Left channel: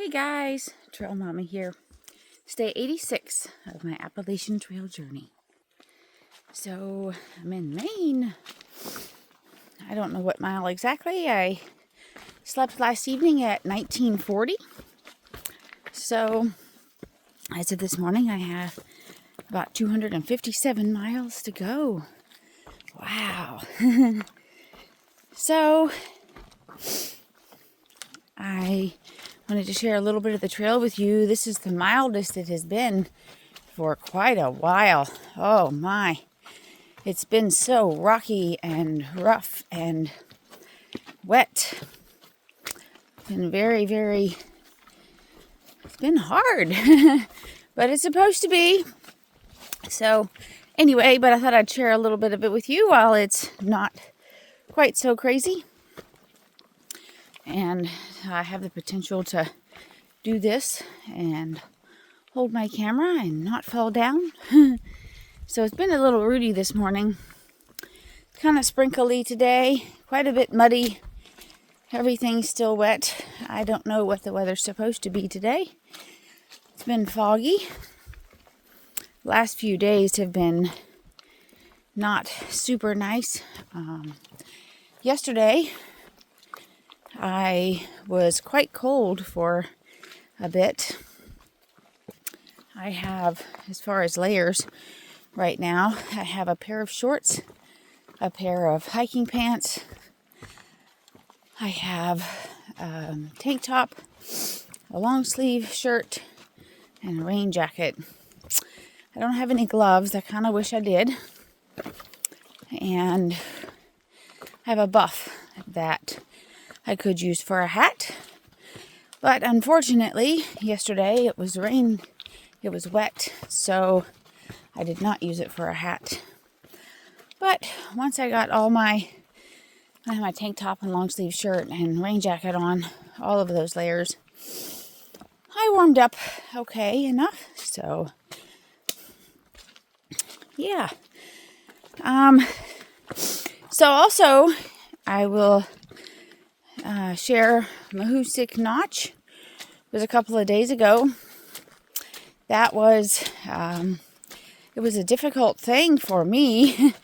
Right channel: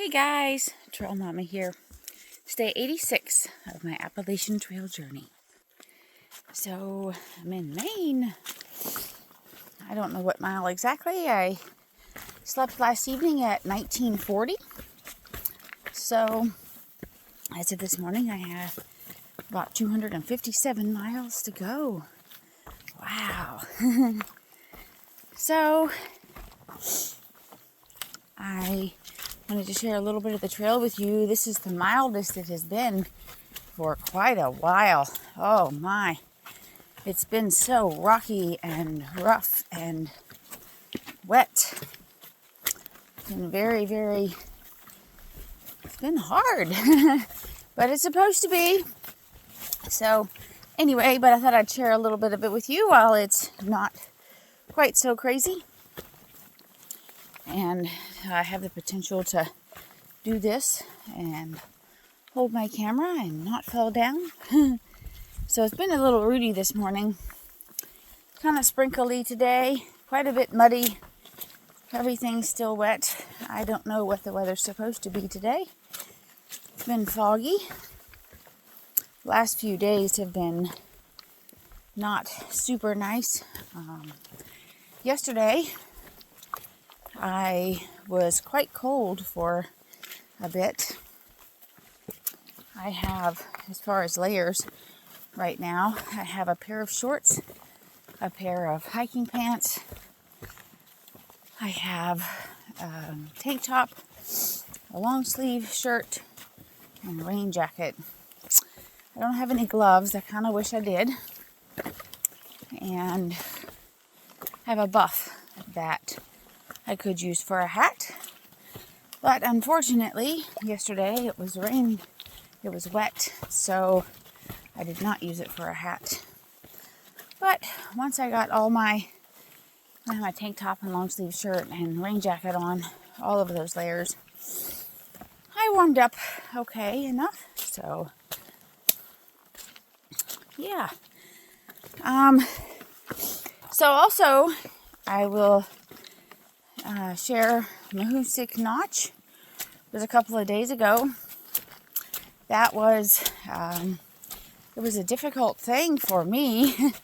Hey guys, Trail Mama here. It's day 86 of my Appalachian Trail journey. So I'm in Maine. I don't know what mile exactly. I slept last evening at 1940. So as of this morning, I have about 257 miles to go. Wow. So I wanted to share a little bit of the trail with you. This is the mildest it has been for quite a while. Oh my. It's been so rocky and rough and wet. It's been it's been hard. But it's supposed to be. So anyway, but I thought I'd share a little bit of it with you while it's not quite so crazy. And I have the potential to do this and hold my camera and not fall down. So it's been a little rooty this morning. Kind of sprinkly today. Quite a bit muddy. Everything's still wet. I don't know what the weather's supposed to be today. It's been foggy. Last few days have been not super nice. Yesterday, I was quite cold for a bit. I have, as far as layers right now, I have a pair of shorts, a pair of hiking pants. I have a tank top, a long sleeve shirt, and a rain jacket. I don't have any gloves. I kind of wish I did. And I have a buff that I could use for a hat. But unfortunately, yesterday it was rain. It was wet, so I did not use it for a hat. But once I got all I had my tank top and long sleeve shirt and rain jacket on, all of those layers, I warmed up okay enough. So yeah. So also I will share Mahoosuc Notch. It was a couple of days ago. That was it was a difficult thing for me.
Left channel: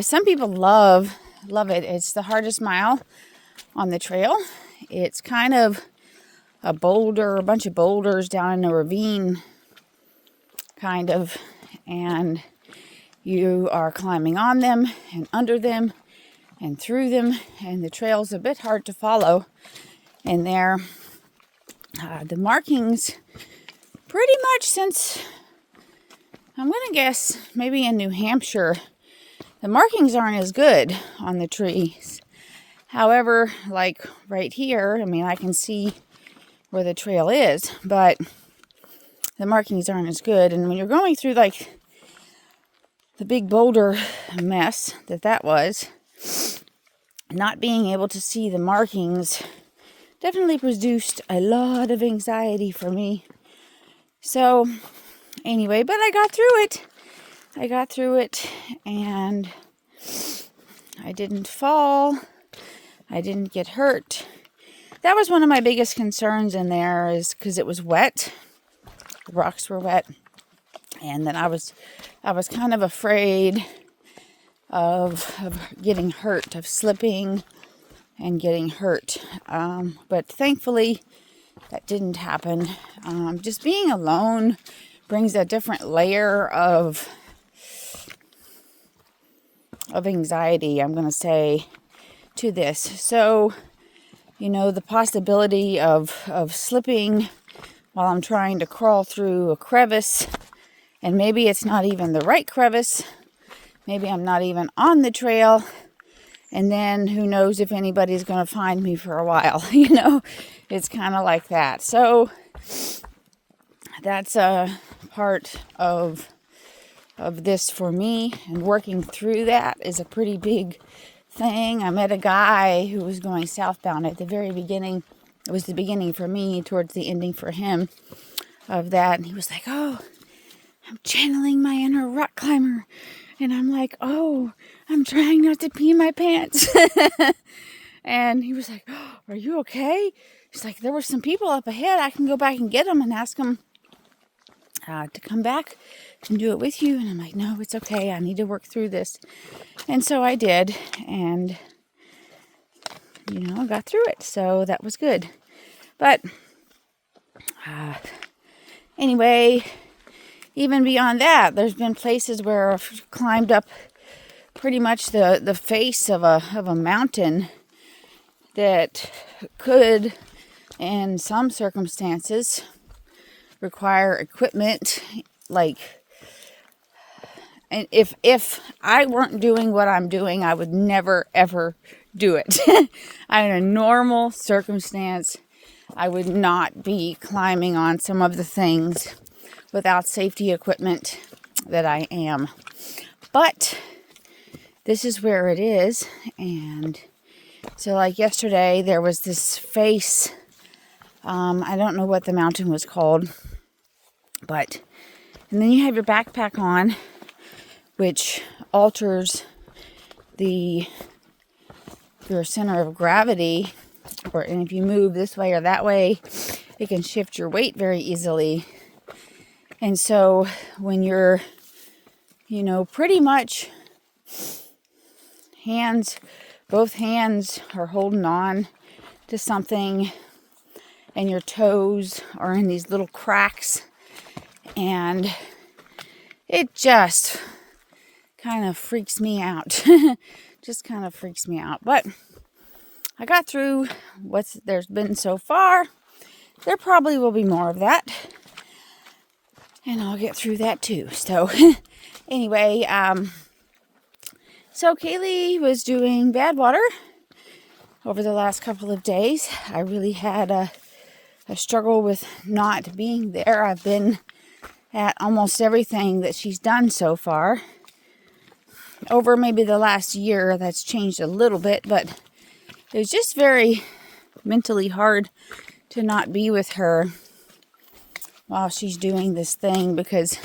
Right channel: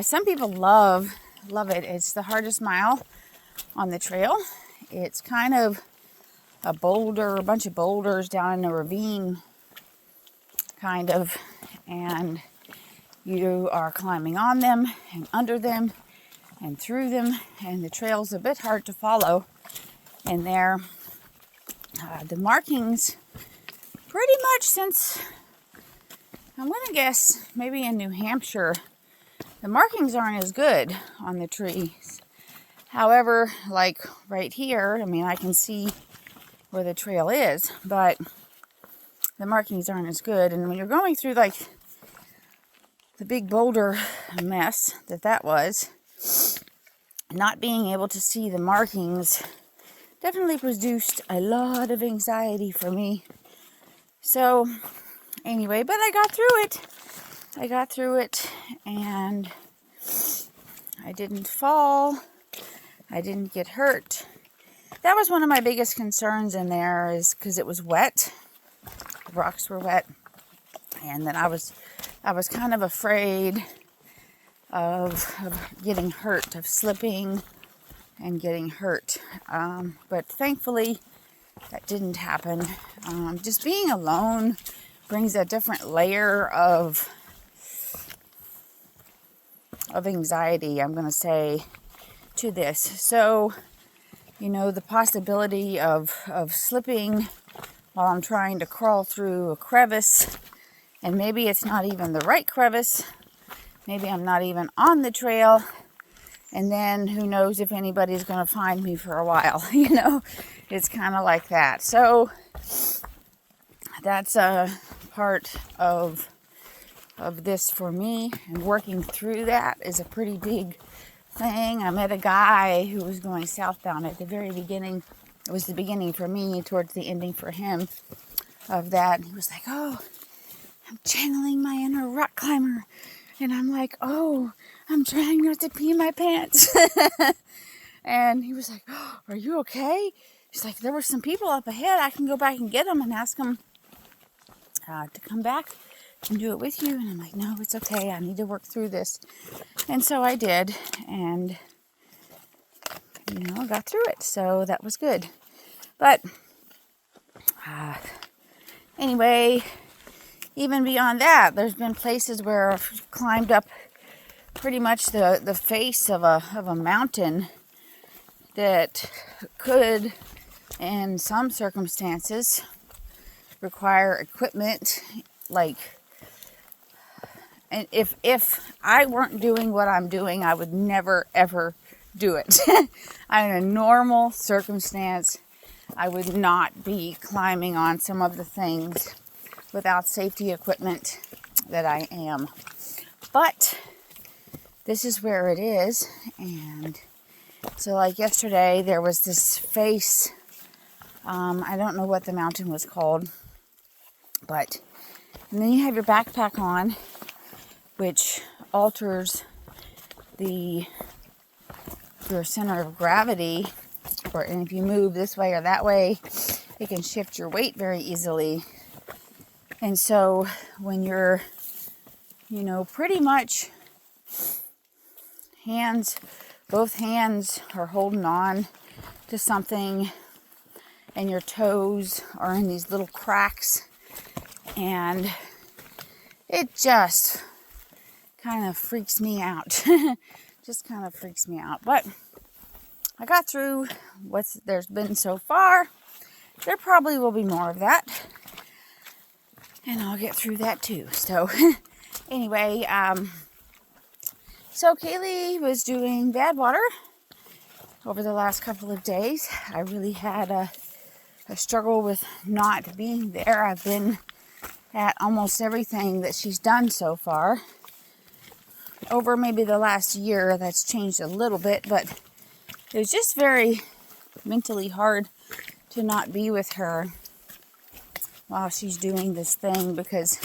Some people love it. It's the hardest mile on the trail. It's kind of a bunch of boulders down in a ravine, kind of, and you are climbing on them and under them and through them, and the trail's a bit hard to follow in there. The markings, pretty much since, I'm going to guess, maybe in New Hampshire, the markings aren't as good on the trees. However, like right here, I mean, I can see where the trail is, but the markings aren't as good. And when you're going through, like, the big boulder mess that was, not being able to see the markings definitely produced a lot of anxiety for me. So anyway, but I got through it and I didn't fall. I didn't get hurt. That was one of my biggest concerns in there, is because it was wet. The rocks were wet. And then I was kind of afraid of getting hurt, of slipping and getting hurt. But thankfully, that didn't happen. Just being alone brings a different layer of anxiety, I'm going to say, to this. So, you know, the possibility of slipping while I'm trying to crawl through a crevice, and maybe it's not even the right crevice. Maybe I'm not even on the trail. And then who knows if anybody's going to find me for a while. You know, it's kind of like that. So that's a part of this for me. And working through that is a pretty big thing. I met a guy who was going southbound at the very beginning. It was the beginning for me, towards the ending for him of that. And he was like, "Oh, I'm channeling my inner rock climber." And I'm like, "Oh, I'm trying not to pee my pants." And he was like, "Oh, are you okay?" she's like, there were some people up ahead. I can go back and get them and ask them to come back and do it with you. And I'm like, no, it's okay. I need to work through this. And so I did, and got through it. So that was good. But anyway, even beyond that, there's been places where I've climbed up pretty much the face of a mountain that could, in some circumstances, require equipment. And if I weren't doing what I'm doing, I would never ever do it. In a normal circumstance, I would not be climbing on some of the things without safety equipment that I am. But this is where it is. And so like yesterday, there was this face. I don't know what the mountain was called. And then you have your backpack on, which alters your center of gravity. And if you move this way or that way, it can shift your weight very easily. And so when you're, pretty much both hands are holding on to something, and your toes are in these little cracks, and it just kind of freaks me out. But I got through what there's been so far. There probably will be more of that, and I'll get through that too. So anyway, so Kaylee was doing bad water over the last couple of days. I really had a struggle with not being there. I've been at almost everything that she's done so far. Over maybe the last year, that's changed a little bit, but it was just very mentally hard to not be with her while she's doing this thing, because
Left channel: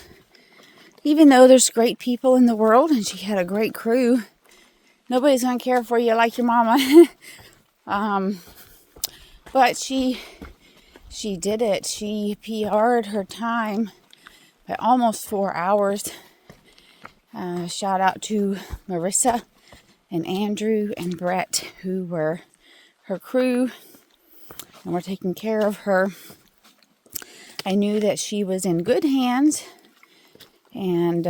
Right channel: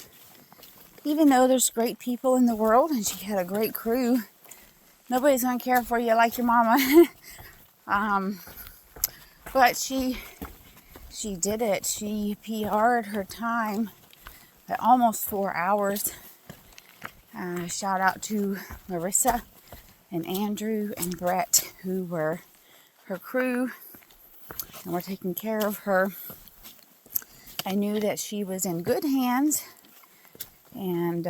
even though there's great people in the world and she had a great crew, nobody's going to care for you like your mama. But she did it. She PR'd her time by almost 4 hours. Shout out to Marissa and Andrew and Brett, who were her crew and were taking care of her. I knew that she was in good hands, and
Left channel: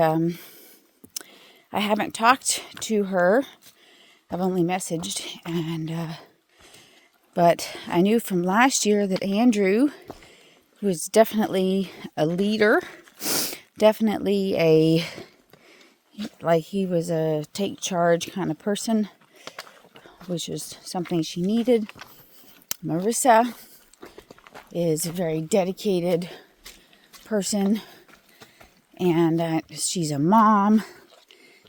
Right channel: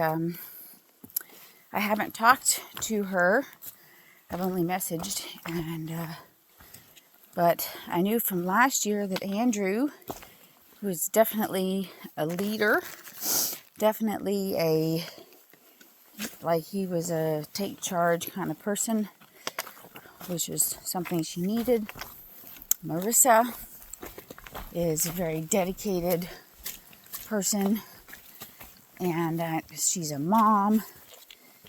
I haven't talked to her. I've only messaged, but I knew from last year that Andrew was definitely a leader, definitely he was a take charge kind of person, which is something she needed. Marissa is a very dedicated person, and she's a mom,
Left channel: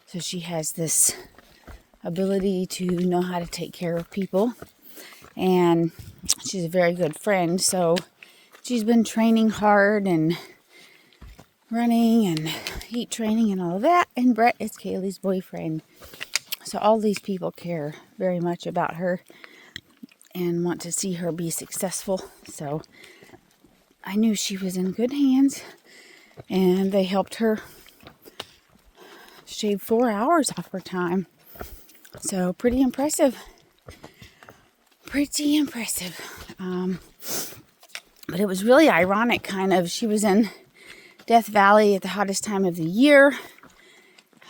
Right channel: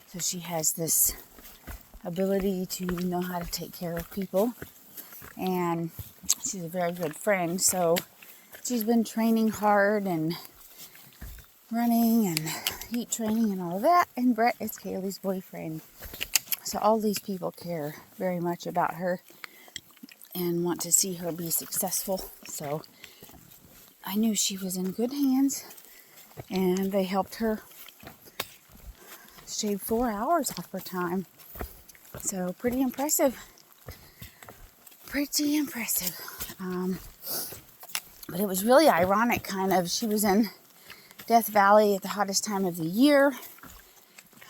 so she has this ability to know how to take care of people, and she's a very good friend. So she's been training hard and running and heat training and all of that. And Brett is Kaylee's boyfriend, so all these people care very much about her and want to see her be successful. So I knew she was in good hands, and they helped her shave 4 hours off her time. So pretty impressive. But it was really ironic, kind of. She was in Death Valley at the hottest time of the year.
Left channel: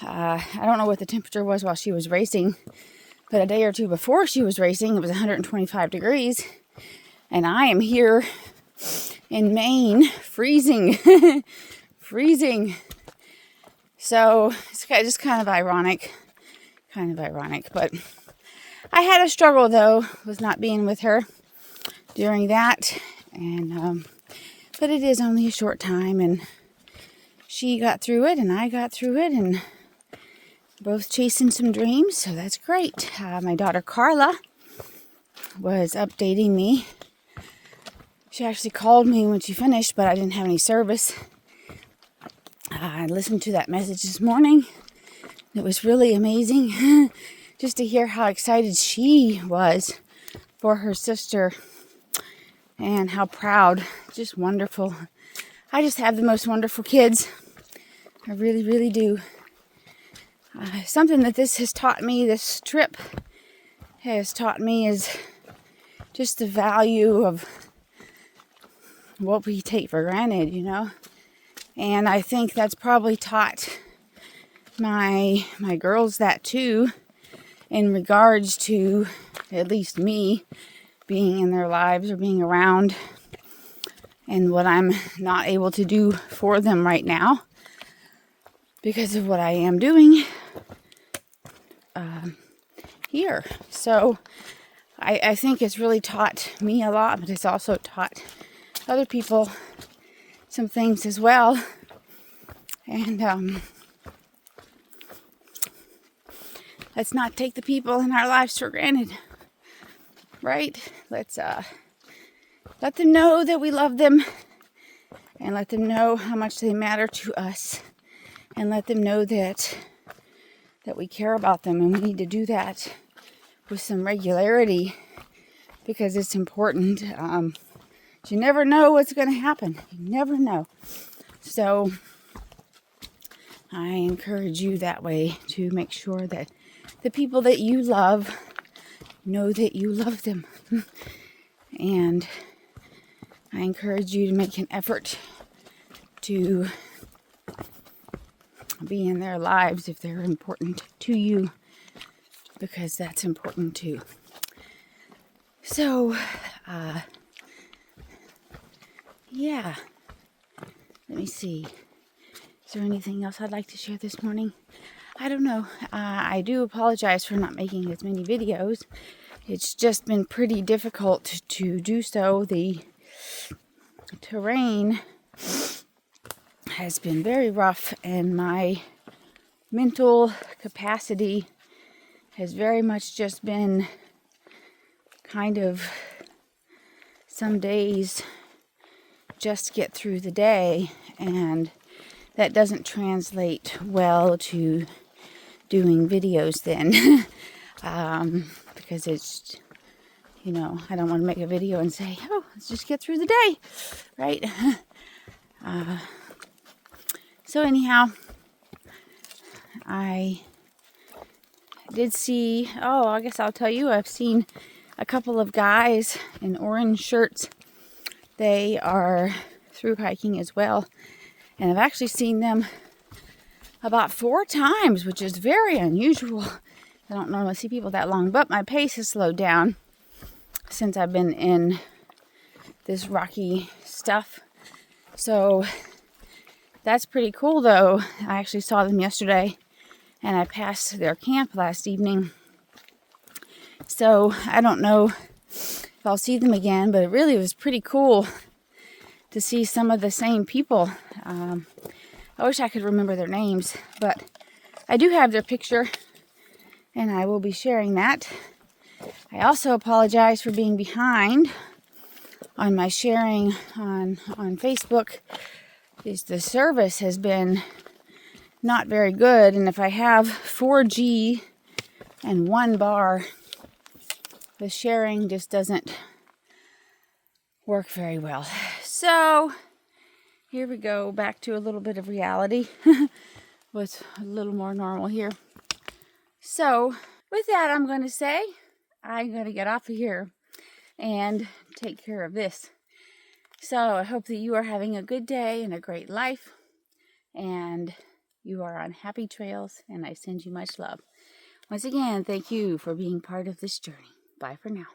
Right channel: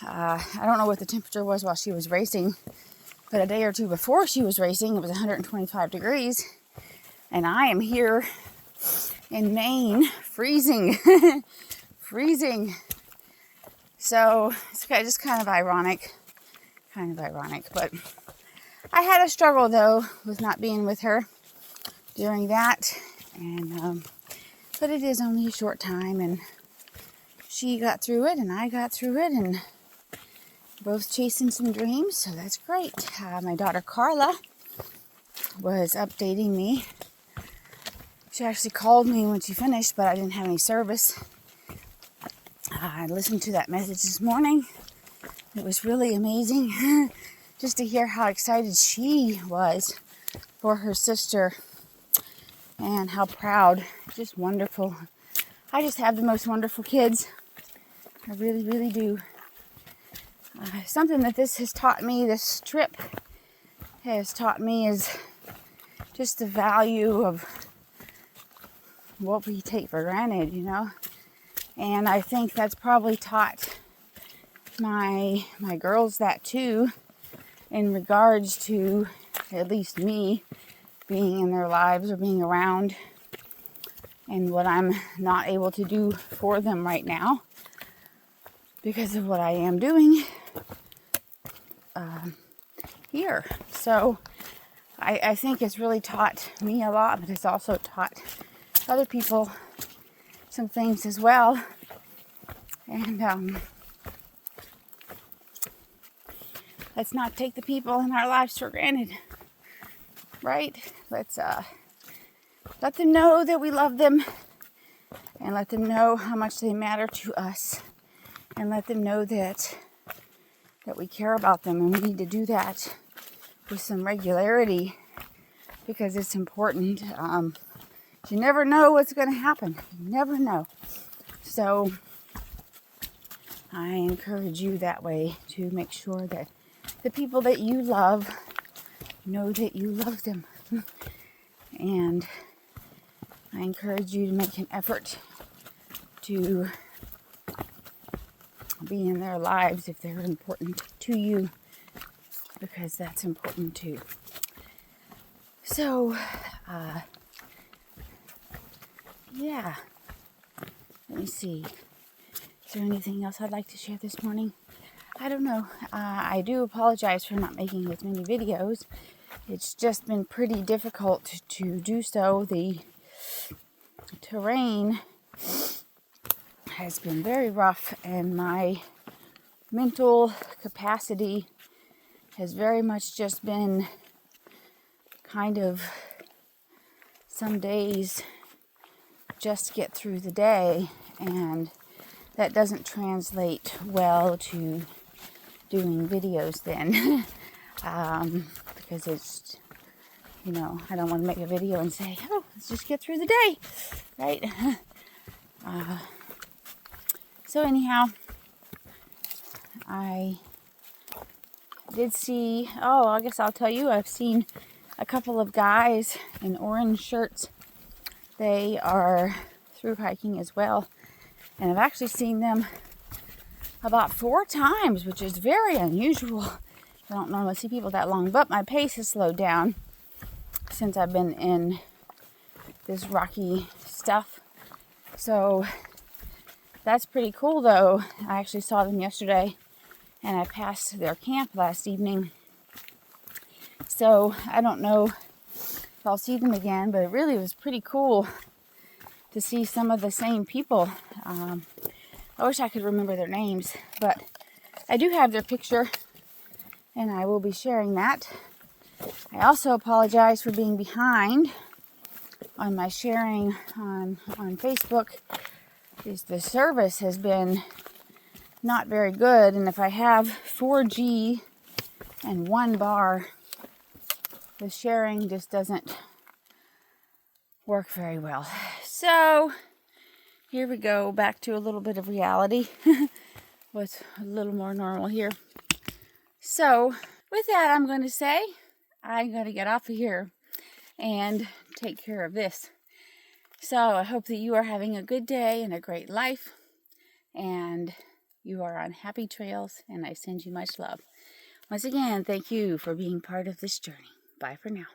I don't know what the temperature was while she was racing, but a day or two before she was racing, it was 125 degrees. And I am here in Maine, freezing. So it's just kind of ironic. But I had a struggle, though, with not being with her during that. And but it is only a short time, and she got through it, and I got through it, and both chasing some dreams, so that's great. My daughter Carla was updating me. She actually called me when she finished, but I didn't have any service. I listened to that message this morning. It was really amazing just to hear how excited she was for her sister. and how proud, just wonderful. I just have the most wonderful kids. I really, really do. Something that this has taught me, this trip has taught me, is just the value of what we take for granted, you know. And I think that's probably taught my girls that too, in regards to at least me being in their lives or being around, and what I'm not able to do for them right now because of what I am doing here. So I think it's really taught me a lot, but it's also taught other people some things as well. And let's not take the people in our lives for granted, right? Let's let them know that we love them, and let them know how much they matter to us, and let them know that we care about them, and we need to do that with some regularity because it's important. You never know what's going to happen. You never know. So I encourage you that way to make sure that the people that you love know that you love them. And I encourage you to make an effort to be in their lives if they're important to you, because that's important too. So, yeah. Let me see. Is there anything else I'd like to share this morning? I don't know. I do apologize for not making as many videos. It's just been pretty difficult to do so. The terrain has been very rough, and my mental capacity has very much just been kind of some days just get through the day, and that doesn't translate well to doing videos then. Because it's, you know, I don't want to make a video and say, oh, let's just get through the day, right? So anyhow, I did see, I guess I'll tell you, I've seen a couple of guys in orange shirts. They are through hiking as well, and I've actually seen them about 4 times, which is very unusual. I don't normally see people that long, but my pace has slowed down since I've been in this rocky stuff. So that's pretty cool though. I actually saw them yesterday, and I passed their camp last evening. So I don't know if I'll see them again, but it really was pretty cool to see some of the same people. I wish I could remember their names, but I do have their picture, and I will be sharing that. I also apologize for being behind on my sharing on Facebook. The service has been not very good, and if I have 4G and 1 bar, the sharing just doesn't work very well. So here we go, back to a little bit of reality. What's a little more normal here. So with that, I'm going to say I'm going to get off of here and take care of this. So I hope that you are having a good day and a great life, and you are on happy trails, and I send you much love. Once again, thank you for being part of this journey. Bye for now.